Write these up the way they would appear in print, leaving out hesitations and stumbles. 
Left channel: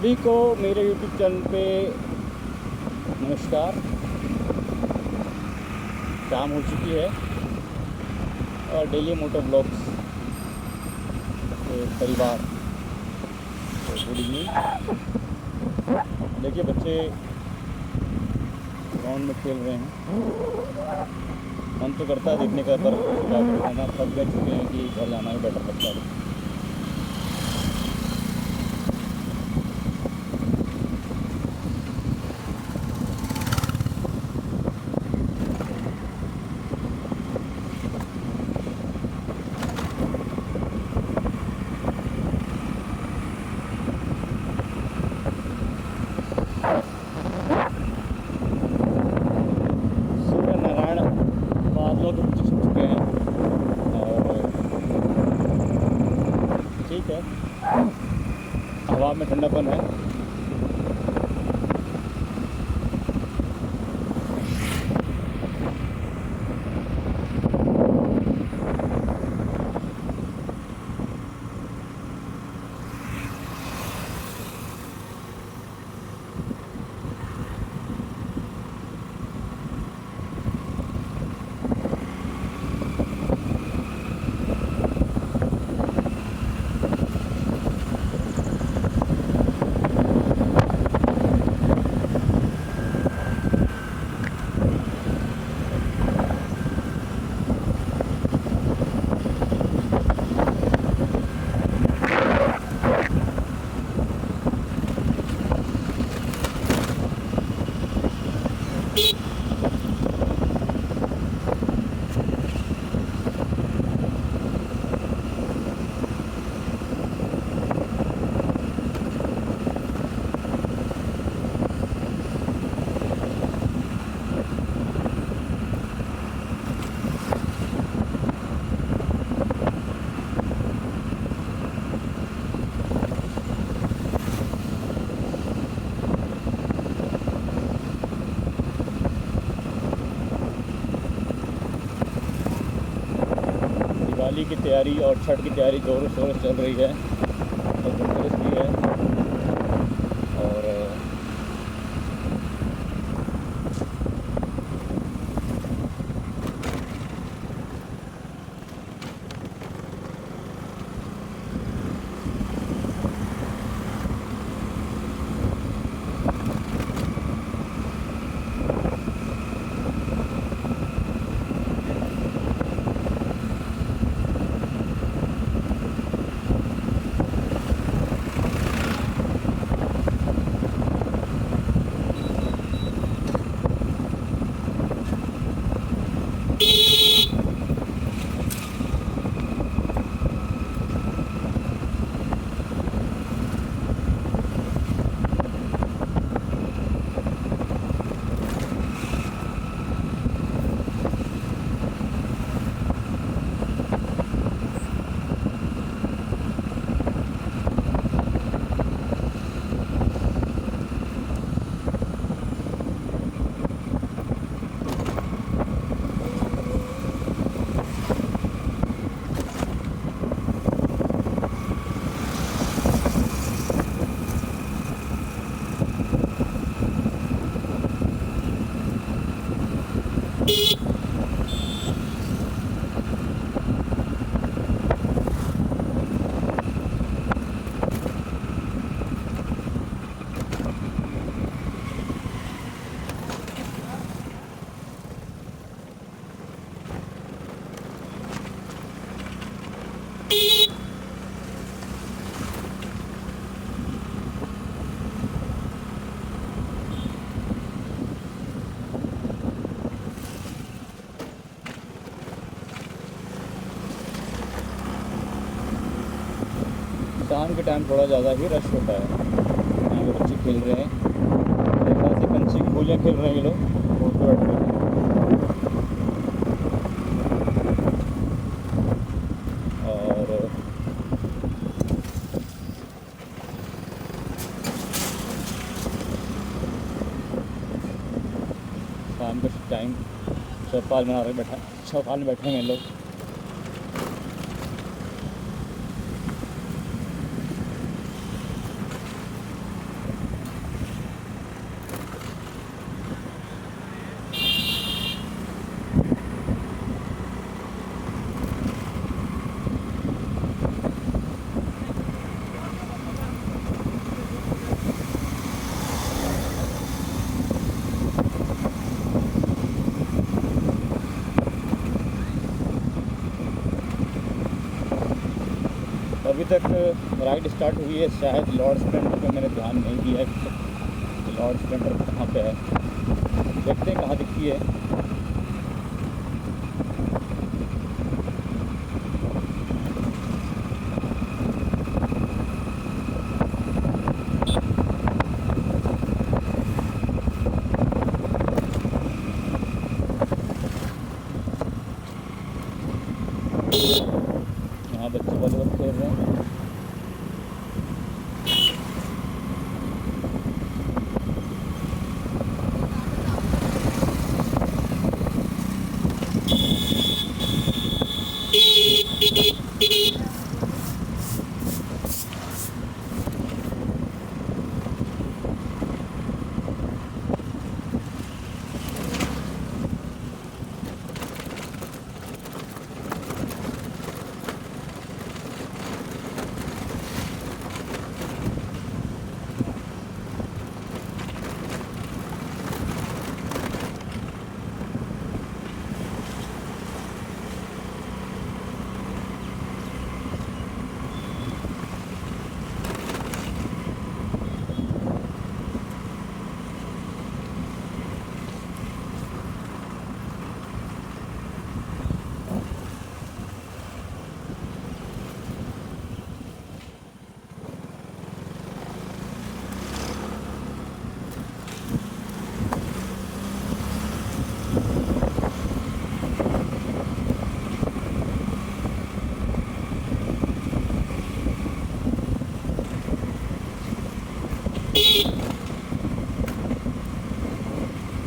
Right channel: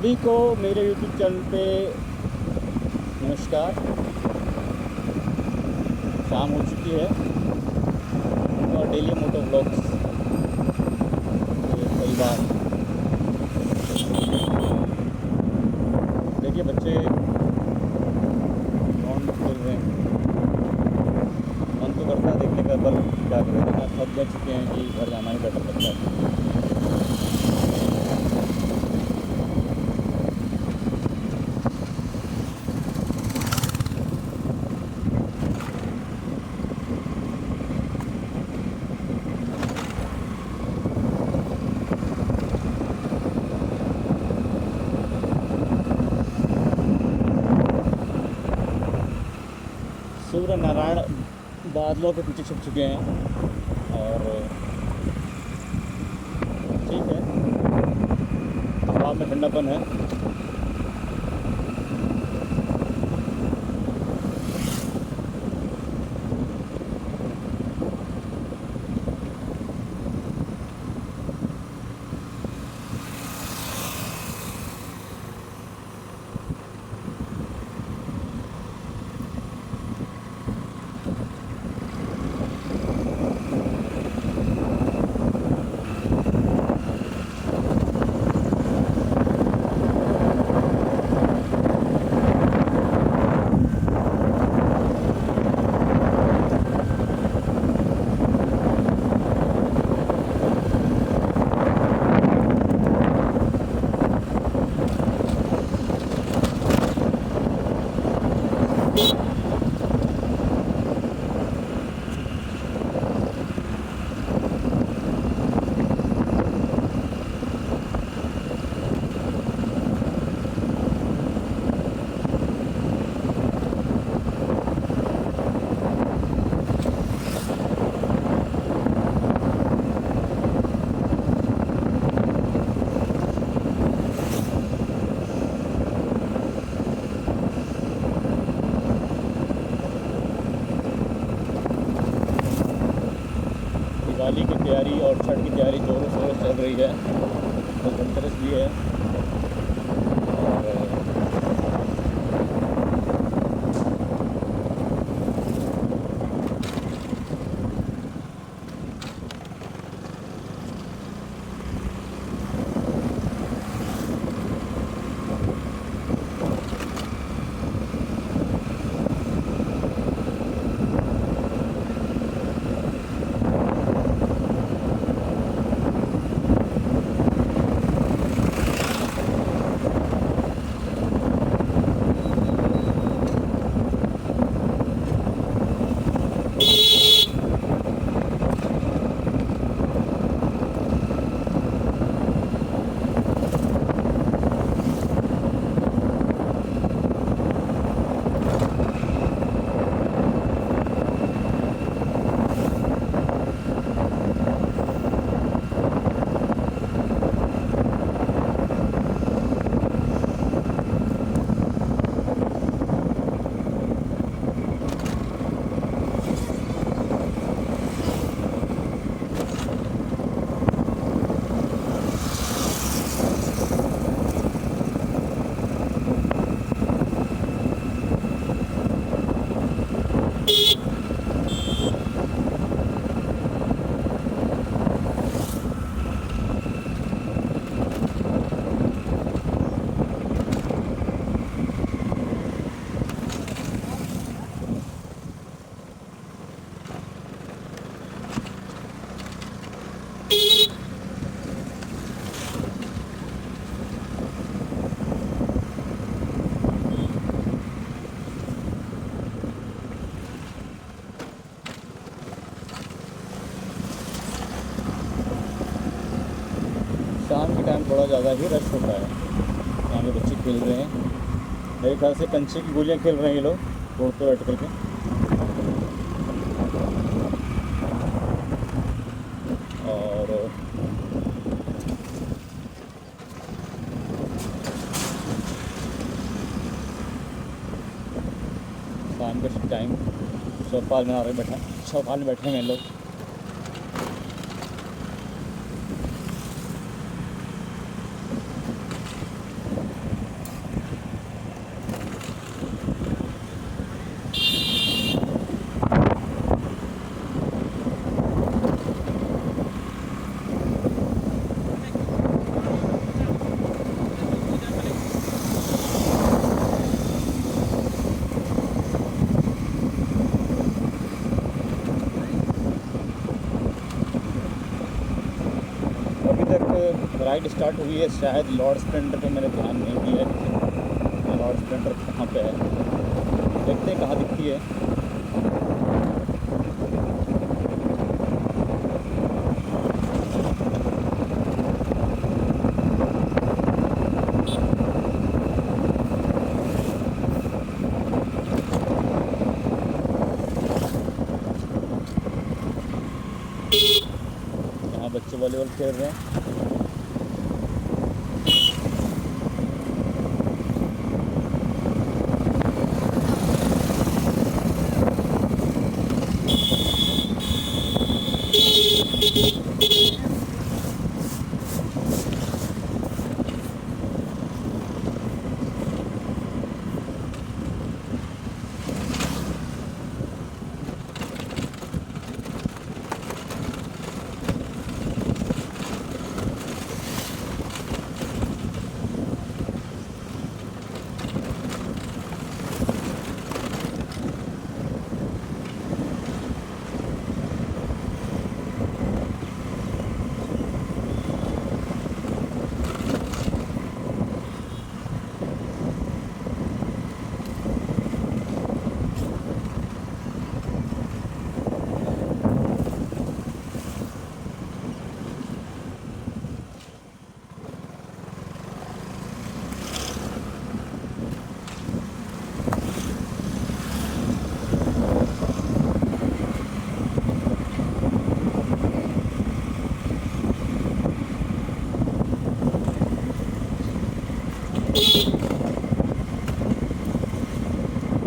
सभी को मेरे YouTube चैनल पे नमस्कार। शाम हो चुकी है और डेली मोटो व्लॉग्स के परिवार गुड इवनिंग। देखिए बच्चे ग्राउंड में खेल रहे हैं। मन तो करता है देखने का, पर क्या करें, इतना थक जा चुके हैं कि घर जाना ही बेटर लगता है। सूर्य नारायण बादलों के पीछे छुप चुके हैं और ठीक है, हवा में ठंडापन है। दिवाली की तैयारी और छठ की तैयारी जोरों शोरों से चल रही है। तो धनतेरस भी है और शाम के टाइम थोड़ा ज़्यादा ही रश होता है। यहाँ पे बच्चे खेल रहे हैं, मेरे ख्याल से कंचे की गोलियाँ खेल रहे हैं ये लोग रोड पे बैठ करके। और शाम के टाइम चौपाल में बैठे हैं लोग। अभी तक राइड स्टार्ट हुई है, शायद लॉर्ड स्प्लेंडर पे मैंने ध्यान नहीं दिया है। लॉर्ड स्प्लेंडर कहाँ पे है, देखते हैं कहाँ दिखती है। यहाँ बच्चे वॉलीबॉल खेल रहे हैं।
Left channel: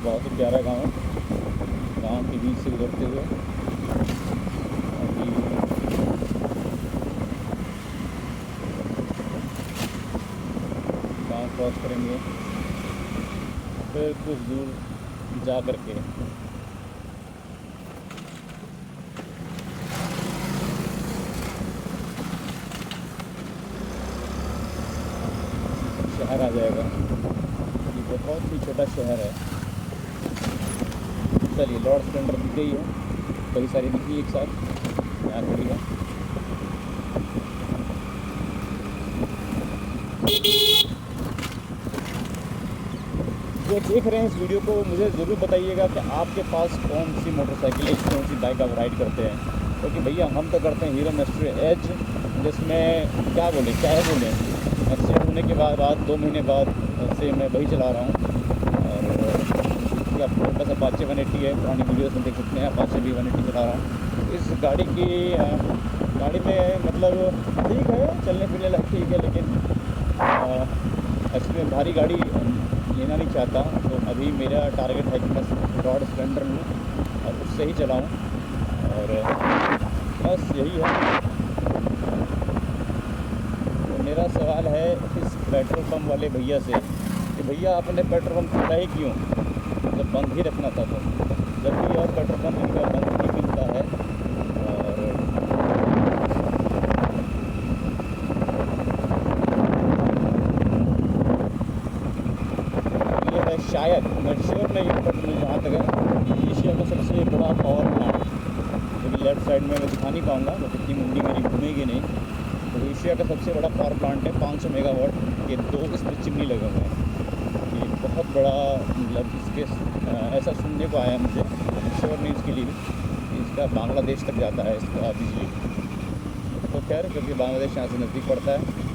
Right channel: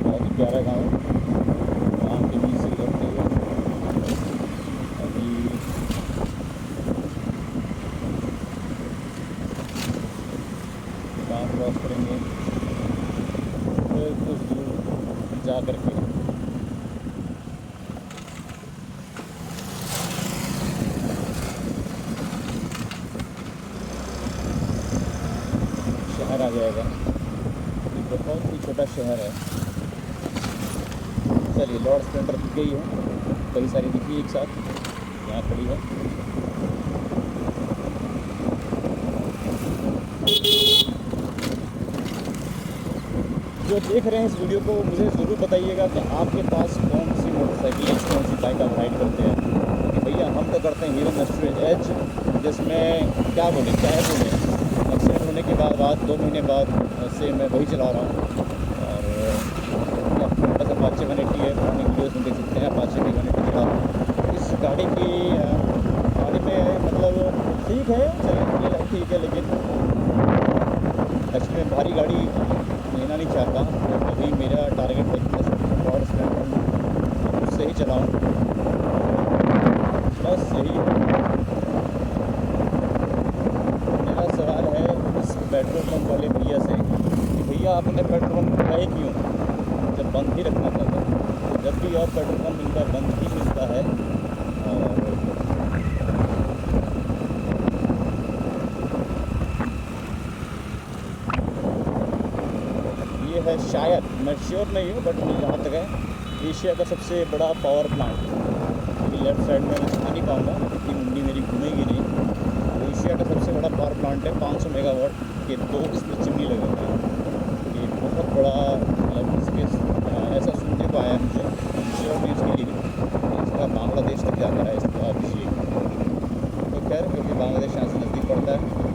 बहुत ही प्यारा गांव है। गांव के बीच से गुजरते हुए अभी गांव क्रॉस करेंगे, फिर कुछ दूर जा कर के शहर आ जाएगा। ये बहुत ही छोटा शहर है। चलिए, लॉर्ड स्प्लेंडर दिख गई है, कई सारी दिखी एक साथ, यहाँ खड़ी है। जो देख रहे हैं इस वीडियो को, मुझे ज़रूर बताइएगा कि आपके पास कौन सी मोटरसाइकिल है, कौन सी बाइक आप राइड करते हैं। क्योंकि भैया हम तो करते हैं हीरो मैस्ट्रो एज, जिसमें क्या बोले, एक्सीडेंट होने के बाद 2 महीने बाद से मैं वही चला रहा हूँ। और बस अपाचे 180 है, पुरानी वीडियोस में देख सकते हैं, अपाचे भी 180 चला रहा हूँ। इस गाड़ी में मतलब ठीक है, चलने के लिए ठीक है, लेकिन एक्चुअली मैं भारी गाड़ी लेना नहीं चाहता। तो अभी मेरा टारगेट है कि मैं लॉर्ड स्प्लेंडर लूँ और उससे ही चलाऊँ, और बस यही है। मेरा सवाल है इस पेट्रोल पंप वाले भैया से कि भैया आपने पेट्रोल पंप खुला ही क्यों, जब बंद ही रखना था। जब भी और पेट्रोल पंप इनका बंद ही मिलता है। और ये है, शायद मैं श्योर नहीं हूँ, बट मुझे जहाँ तक है, एशिया का सबसे बड़ा पावर प्लांट। क्योंकि लेफ़्ट साइड में मैं दिखा नहीं पाऊँगा, इतनी मुंडी मेरी घूमेगी नहीं। तो एशिया का सबसे बड़ा पावर प्लांट है, 500 मेगावाट के 2 इसमें चिमनी लगे हुए हैं। ये बहुत बड़ा, मतलब इसके ऐसा सुनने को आया मुझे, हम श्योर नहीं उसके लिए भी, इसका बांग्लादेश तक जाता है इसका बिजली। तो खैर, क्योंकि बांग्लादेश यहाँ से नज़दीक पड़ता है।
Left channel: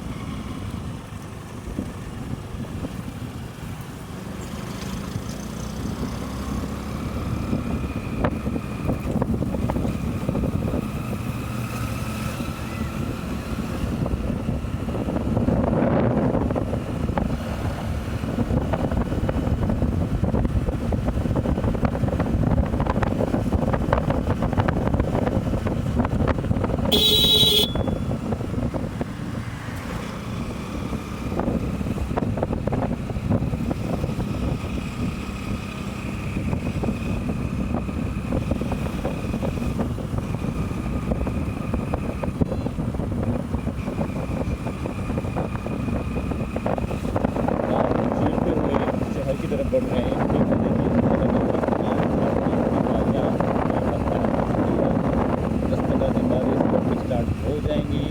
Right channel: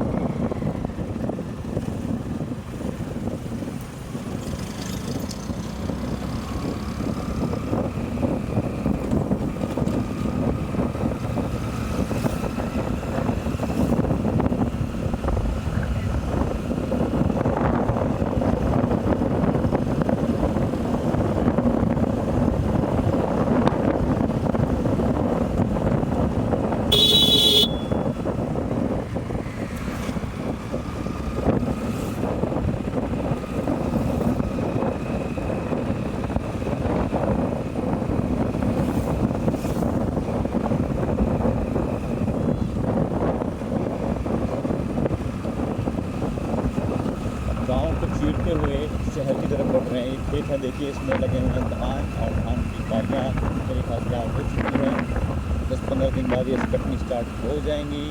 दिन बाद ये स्कट स्टार्ट हो जाएंगी,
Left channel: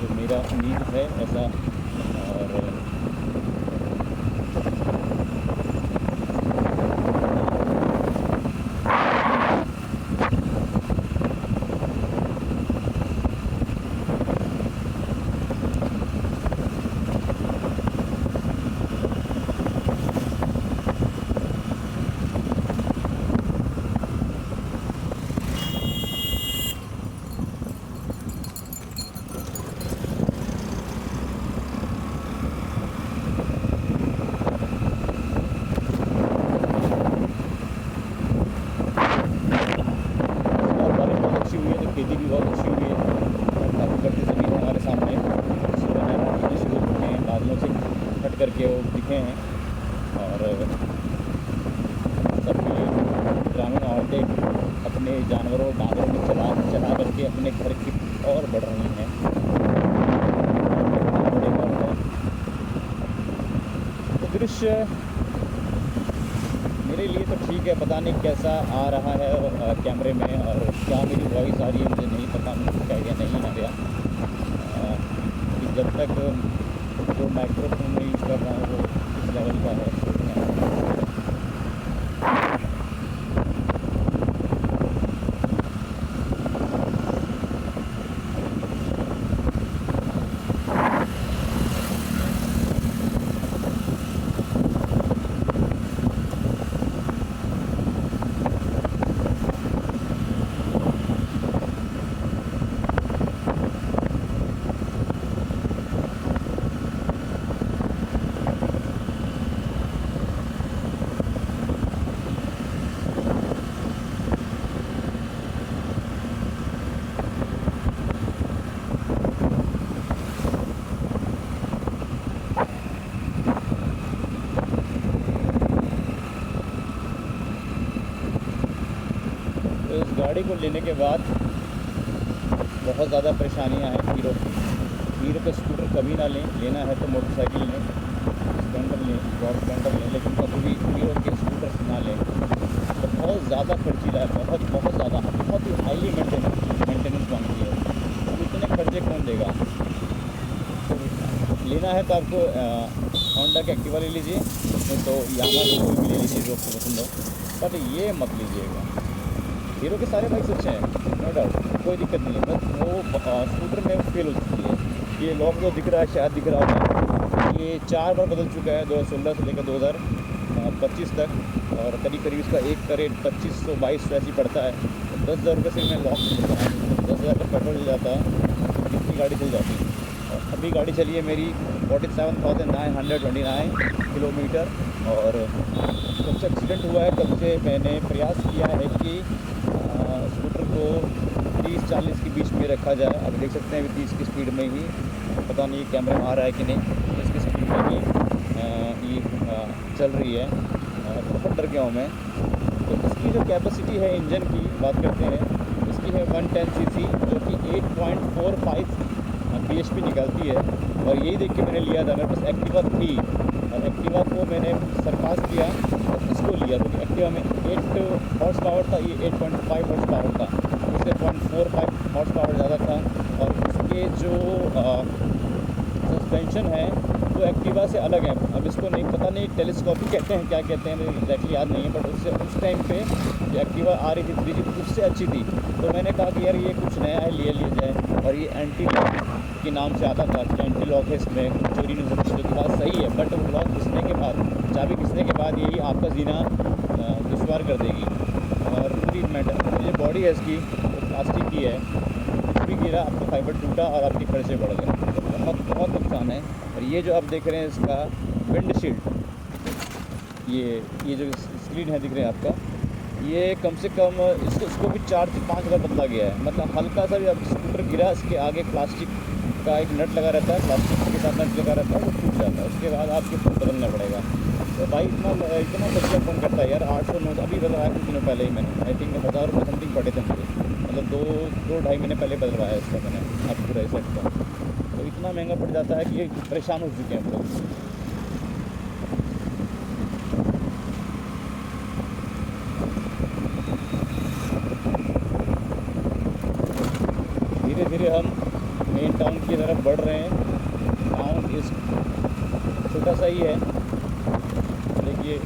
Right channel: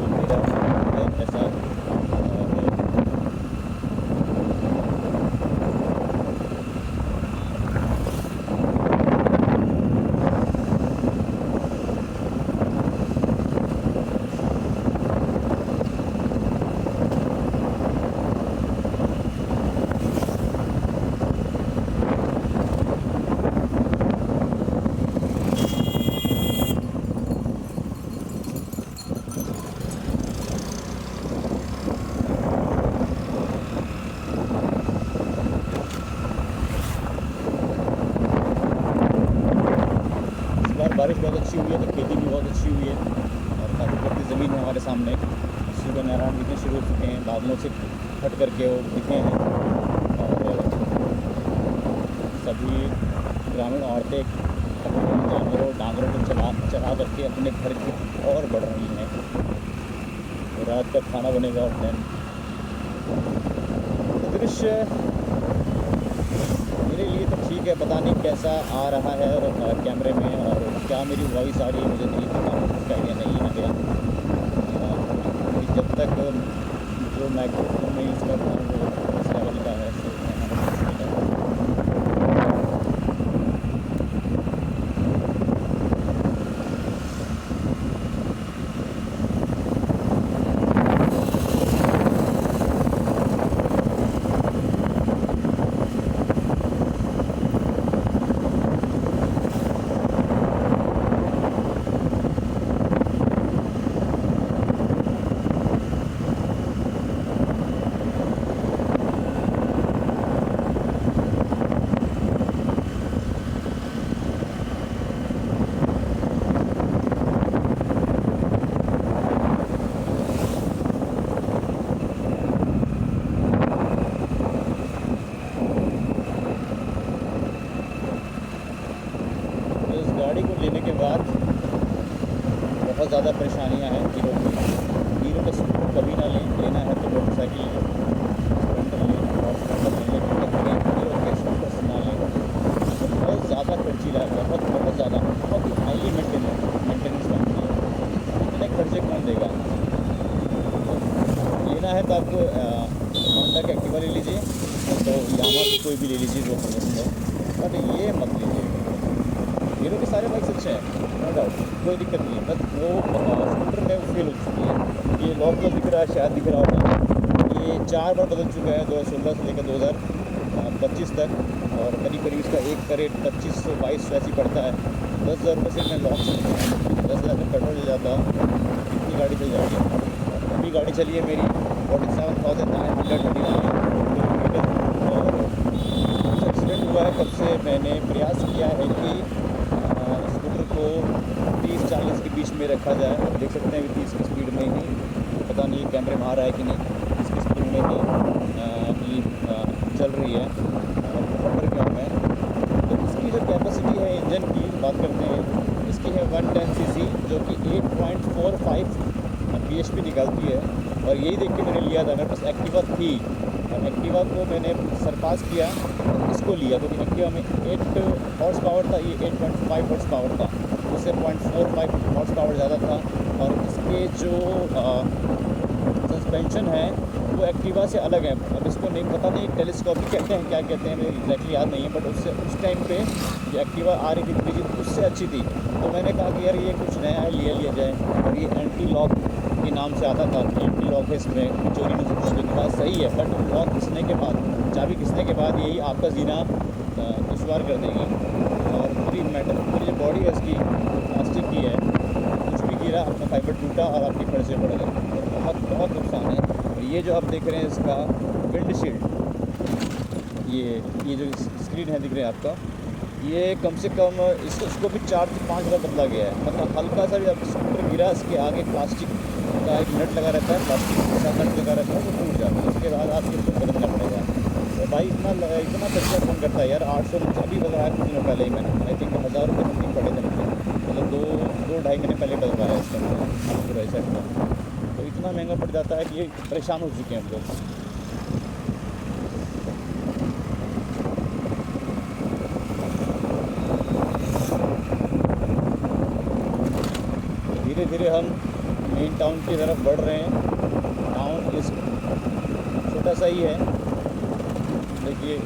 जो मेरा उम्मीद है ऐसा। और बारिश बहुत अच्छी हुई है तो खेती भी बहुत अच्छी हुई है और काफ़ी बढ़ती ज़मीन है हमारे सामने। सूर्य नारायण दिखने शुरू हो चुके हैं, बादलों से हट करके वो दिखे हैं। और सभी ग्रामीण औरतें अपने जानवरों डांगरों को चला करके अपने घर की और बढ़ रही हैं। रात का खाना बनेगा और है तो दृश्य मेरे लिए तो ठीक है, पता नहीं कैसा आ रहा है कैमरे में और क्या मेरी वॉइस आ रही है मुझे नहीं पता, मुझे उसका आइडिया नहीं है गया। कि जब तक जो माइक्रोफोन में यूज़ कर रहा हूँ वो इस लेवल का है तो इस गाड़ी को लेने के बाद बहुत ज़्यादा परेशानियां हैं हीरो का स्कूटर कभी ना लेना है तो मोटरसाइकिल लें, स्प्लेंडर लें, स्प्लेंडर लें, लेकिन कभी हीरो के स्कूटर से ना लें। बहुत ज़्यादा खर्चीला है, बहुत ज़्यादा, बहुत ही हाईली मेंटेनेंस मांगती है। तो इतने खर्चे कौन देगा? तो लेना है तो आपको होंडा का एक्टिवा ले लीजिए, तो यामा को कोई भी ले लीजिए जो आपको पसंद हो, बट ये मत लीजिएगा। हीरो के सारे बाइक्स अच्छे हैं, नो डाउट, कोई दिक्कत नहीं है, बस वो स्कूटर में फेल हो चुकी है। ये लॉक जो दिख रहा है शायद दिख रहा होगा, ये 4 बार बदल चुका है 2016 से लेकर 2025 तक। और करीब इसका एक का रेट 2500-2200 ऐसी पड़ता है। 10,000 रुपये से मैं लॉक से मिल रहा हूँ। 10,000 का पेट्रोल चल जाता तो कितनी गाड़ी चल जाती है। और अभी गाड़ी चली है मेरी 47,929 किलोमीटर। और कब से एक्सीडेंट हुआ है, कब से मैंने प्रयास किया है कि स्कूटर को 30-40 के बीच में रखा जाए। अब देख सकते हैं 30 की स्पीड में ही, पता नहीं कैमरे में आ रहा है कि नहीं, 30 की स्पीड में ही ये चल रही है। बहुत डर गया हूँ मैं। तो इसकी जो कैपेसिटी है इंजन की बात करते हैं, इसकी है 110 सीसी, जो कि 8.45 bhp निकालती है। और यही देख के मैंने लिया था, मेरे पास एक्टिवा थी और एक्टिवा को मैंने सरपास किया और इसको लिया, क्योंकि एक्टिवा में 8 हॉर्स पावर था, ये 8.5 हॉर्स पावर था, उससे 0.45 हॉर्स पावर ज़्यादा था। और इसके जो सस्पेंशन है वो एक्टिवा से अलग है। अब इसको नहीं पता नहीं टेलीस्कोपिक कहते हैं क्या कहते हैं, मुझे एग्जैक्टली याद नहीं है, बट उससे उस टाइम पे जो एक्टिवा आ रही थी 3G उससे अच्छी थी। तो मैंने कहा कि यार ये कुछ नया है, लिया जाए। और ये एंटी लॉक के नाम से आता था, एंटी लॉक है, इसमें चोरी नहीं सकती, जो कि बात सही है। बट लॉक घिसने के बाद, चाबी घिसने के बाद यही आपका जीना दुश्वार कर देगी। और पूरी जो बॉडी है इसकी वो प्लास्टिक की है, कुछ भी गिरा आपका फाइबर टूटा और आपके खर्चे बढ़ गए, तो बहुत नुकसान है। और ये जो आप देख रहे हैं इसका विंडशील्ड, ये जो स्क्रीन है दिख रहे हैं आपका, ये कम से कम इसको भी 4 से 5 हज़ार बदला गया है। मतलब हल्का सा भी अब स्कूटर गिरा, इसके आगे प्लास्टिक का एक नट लगा रहता है, प्लास्टिक के साथ नट लगा रहता है, वो टूट जाता है, उसके बाद आपको बदलना पड़ेगा। तो भाई इतना खर्चा कौन करता है यार। 800-900 अभी बदलवाया कुछ दिनों पहले ही मैंने, आई थिंक 1000 रुपये समथिंग पड़े थे मुझे, मतलब 2-2.5 महीने पहले बदलवाया इसका मैंने अब पूरा सेट का। तो इतना महंगा पड़ जाता है कि ये परेशान हो चुके हैं हम लोग। धीरे धीरे हम मेन टाउन की तरफ बढ़ रहे हैं। टाउन इस छोटा सा ही है, देखिए।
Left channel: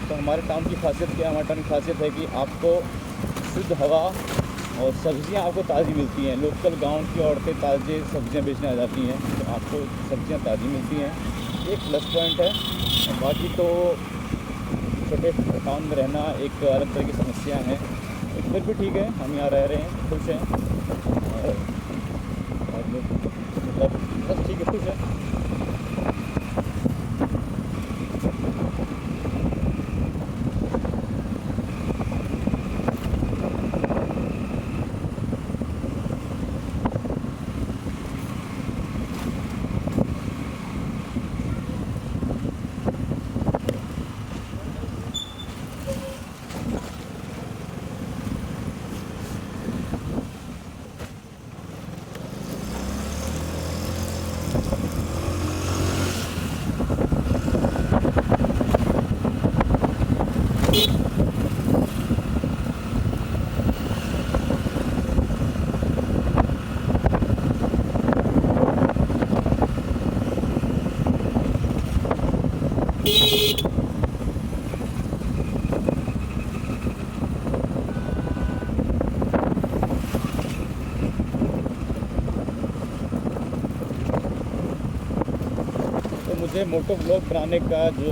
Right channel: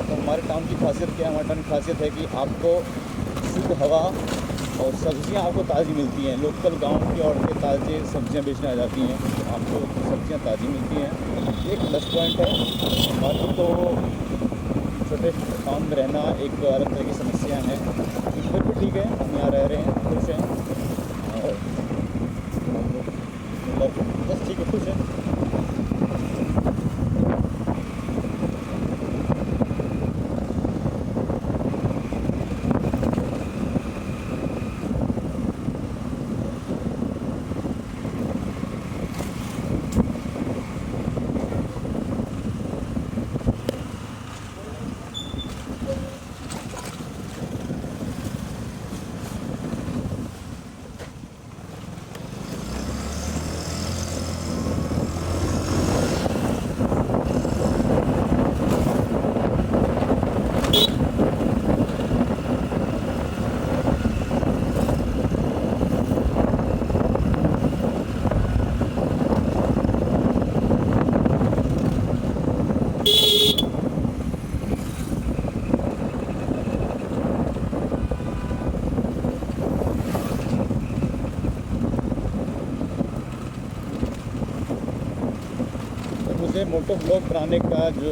तो हमारे टाउन की खासियत क्या है? हमारे टाउन की खासियत है कि आपको शुद्ध हवा और सब्ज़ियाँ आपको ताज़ी मिलती हैं। लोकल गांव की औरतें ताज़े सब्ज़ियाँ बेचने आ जाती हैं, तो आपको सब्ज़ियाँ ताज़ी मिलती हैं। एक प्लस पॉइंट है। बाकी तो छोटे टाउन में रहना एक अलग तरह की समस्या है, लेकिन फिर भी ठीक है, हम यहाँ रह रहे हैं, खुश हैं। और मतलब बस ठीक है, खुश है। तो मुझे मोटो ब्लॉग बनाने का जो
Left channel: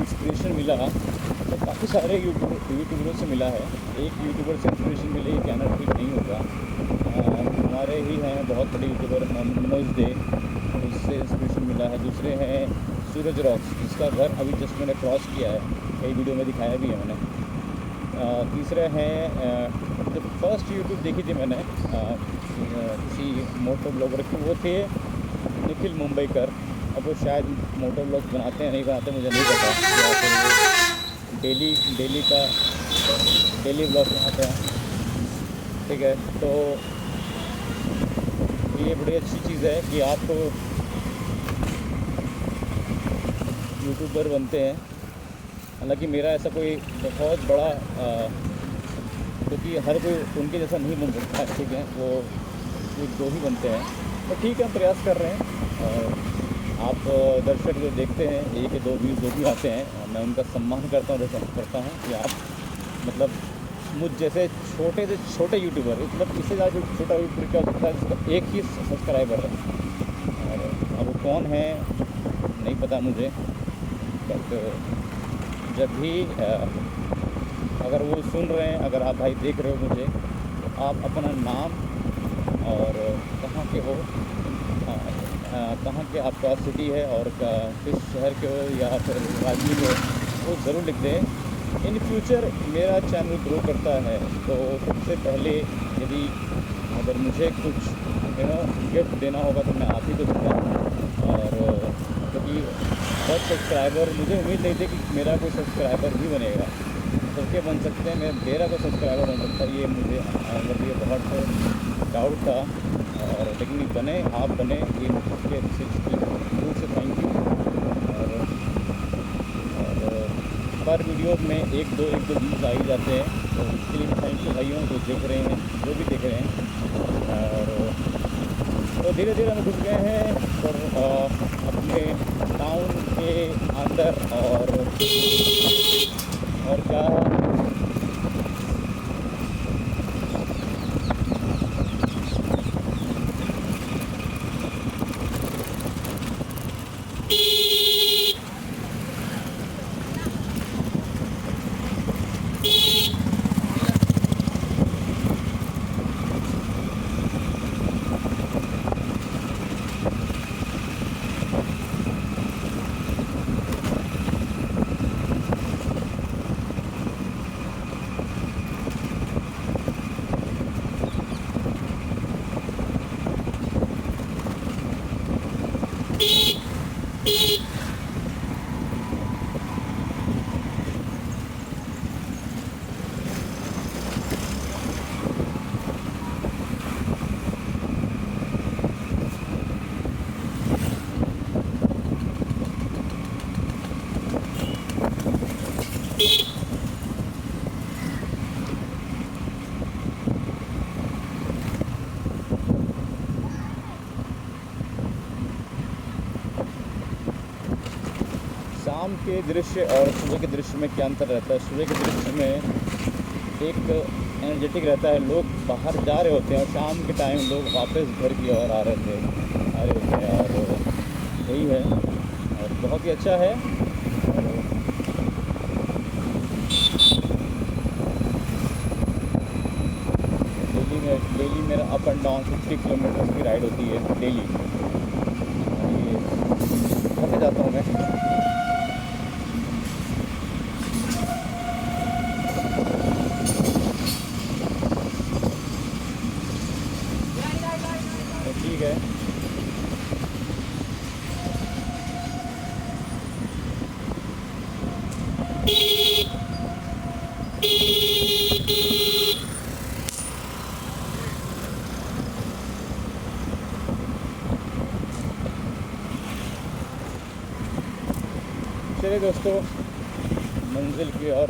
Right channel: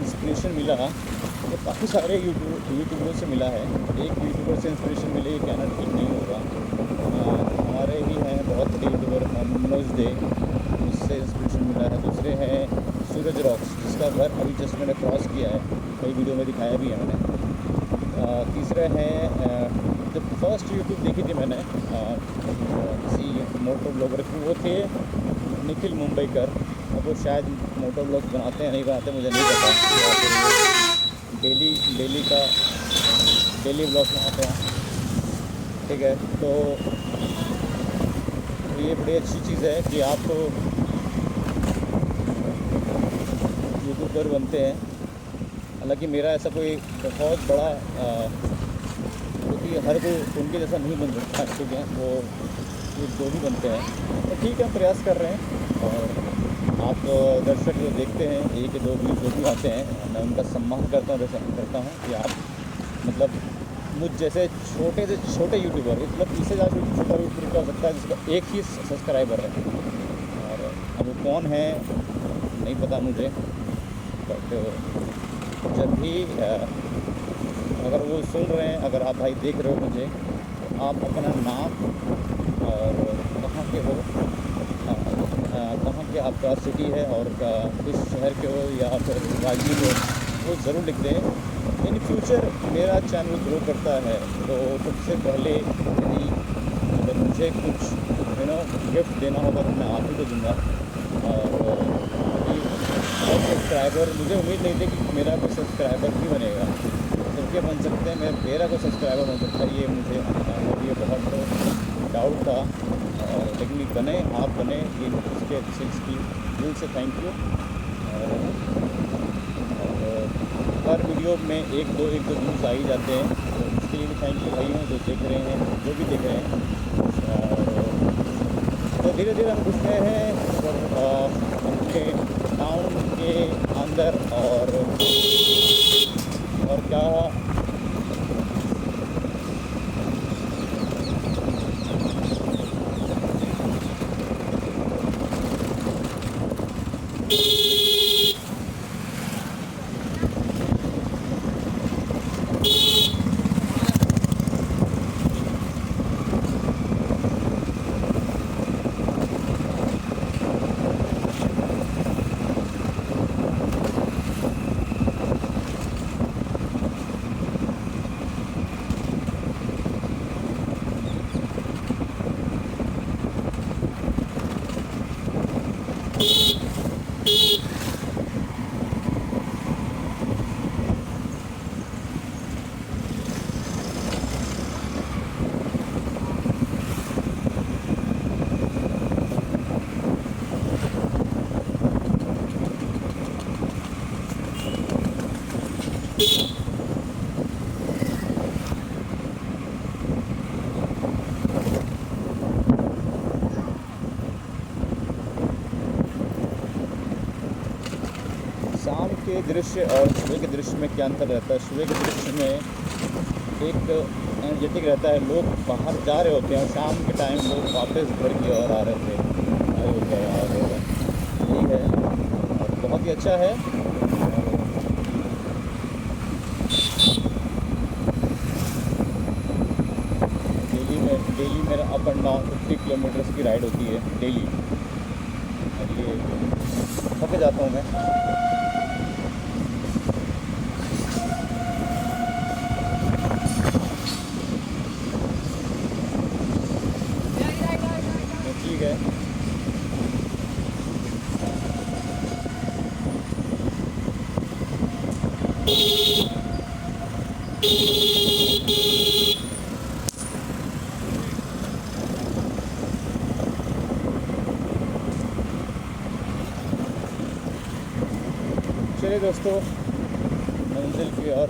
इंस्पिरेशन मिला, तो काफ़ी सारे यूट्यूबरों से मिला है। एक यूट्यूबर से इंस्पिरेशन मिले, ये कहना ठीक नहीं होगा। हमारे ही हैं बहुत बड़े यूट्यूबर मनोज डे, उससे इंस्पिरेशन मिला है। दूसरे हैं सूरज रॉक्स, जिसका घर अभी जस्ट मैंने क्रॉस किया है, कई वीडियो में दिखाया भी है मैंने। तीसरे हैं जो फर्स्ट यूट्यूब देखी थी मैंने किसी मोटो ब्लॉगर की, वो थे निखिल मुंबईकर। अब वो शायद मोटो ब्लॉग्स बनाते हैं, नहीं बनाते मुझे नहीं पता, या फिर वो डेली ब्लॉग बनाते हैं, ठीक है। तो ये बड़ी अच्छी चीज़ है कि आप यूट्यूबर बनते हैं। हालांकि मेरा ऐसा कोई बहुत बड़ा क्योंकि हर कोई उनके जैसा नहीं बन सकता है, ठीक है। वो एक दो ही बनते हैं, तो ठीक है, हम प्रयास कर रहे हैं। और आप दर्शक जो देखते हैं, एक या दो व्यूज़ जो भी आते हैं, मैं उनका सम्मान करता हूँ, रिस्पेक्ट करता हूँ कि आप मतलब मुझ जैसे छोटे से छोटे यूट्यूबर, मतलब इससे ज़्यादा छोटा यूट्यूबर क्या हो सकता है जिसका एक ही सब्सक्राइबर है। और अब वो कौन है नहीं पता मुझे, बट जब भी अगर वो सुन रहे हैं, अगर आप भाई देख रहे हो मुझे, तो आप अपना नाम और कहाँ के हो, कहाँ के आपका सिटी है और किस शहर के हो या फिर राज्य के हो, वो ज़रूर लिख दें। इन फ्यूचर मेरा चैनल ग्रो करता है, तो सबसे पहले यदि अगर मुझे कुछ गिफ्ट देना होगा तो मैं आप ही को दूँगा। और क्योंकि बहुत सब्सक्राइबर, मुझे उम्मीद नहीं थी कि मेरा कोई सब्सक्राइबर भी बनेगा। सबके बन सकते हैं, मेरा कोई सब्सक्राइबर बन सकता है, ये मुझे मतलब ये बहुत डाउट था। और लेकिन बने, आप बने, ये इसकी दिल से थैंक यू। और पर वीडियो में एक दो व्यूज़ आ ही जाते हैं, तो इसके लिए भी थैंक यू भाइयों जो देख रहे हैं, जो भी देख रहे हैं। और तो धीरे धीरे हम घुस गए हैं और अपने टाउन के अंदर। और क्या के दृश्य और सुबह के दृश्य में क्या अंतर रहता है। सुबह के दृश्य में एक एनर्जेटिक रहता है, लोग बाहर जा रहे होते हैं और शाम के टाइम लोग वापस घर की ओर आ रहे थे, आ रहे होते हैं, और यही है और बहुत ही अच्छा है। और डेली मेरा अप एंड डाउन 50 किलोमीटर्स की राइड होती है डेली, और ये थक जाता हूँ मैं। ठीक है, चलिए दोस्तों, मंजिल की ओर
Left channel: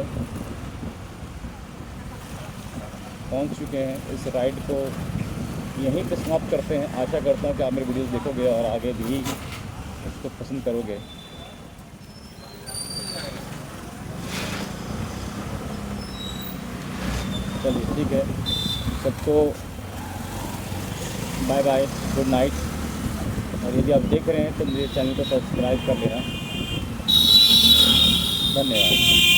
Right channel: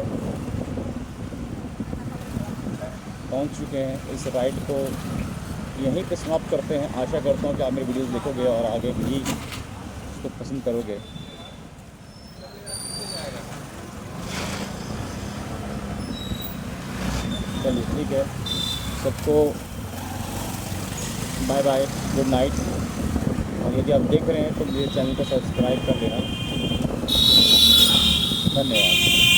पहुंच चुके हैं। इस राइड को यहीं पे समाप्त करते हैं। आशा करता हूँ कि आप मेरी वीडियोस देखोगे और आगे भी उसको पसंद करोगे। चलिए ठीक है, सबको बाय बाय, गुड नाइट। और यदि आप देख रहे हैं तो मेरे चैनल को सब्सक्राइब कर लेना। धन्यवाद।